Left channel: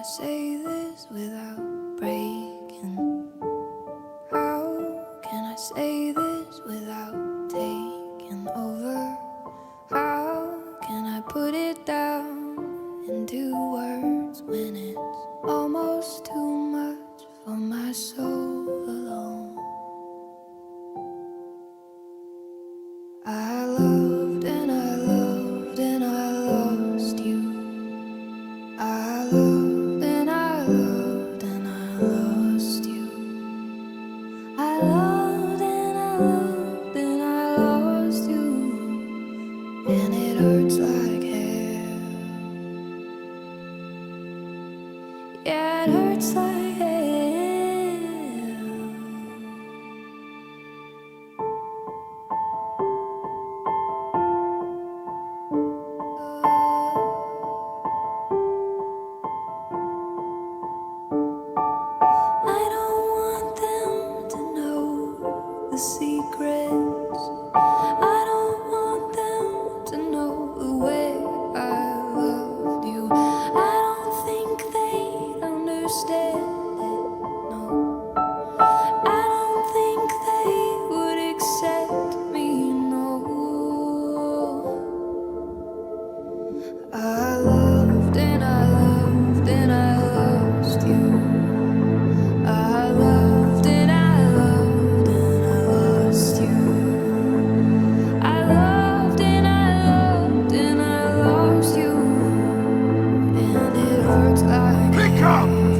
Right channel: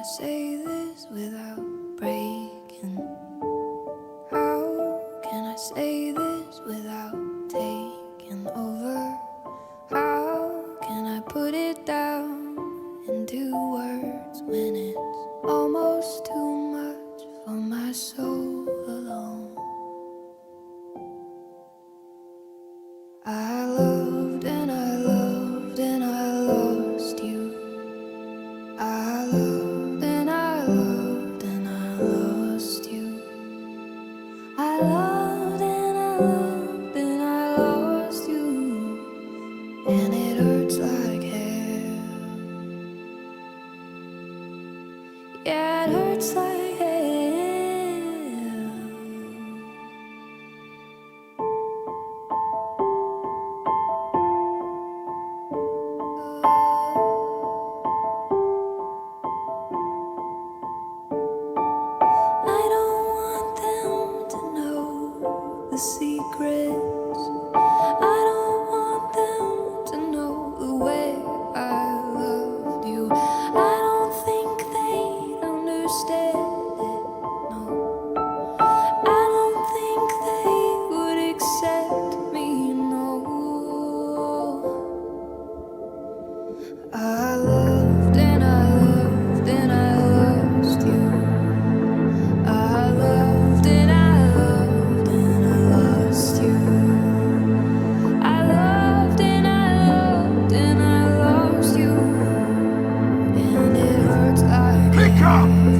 I say this without breaking? How can I say this without taking over? How can I put it down into words when it's almost too much for my soul alone? I loved and I loved and I lost you. I loved and I loved and I lost you. I loved and I loved and I lost you. And it hurts like hell. Yeah, it hurts like hell. I don't want them to know the secrets. I don't want them to know the way I loved you. I don't think they'd understand it, no. I don't think they would accept me, no. I loved and I loved and I lost you. I loved and I loved and I lost you. I loved and I loved and I lost you. And it hurts like Hiccup!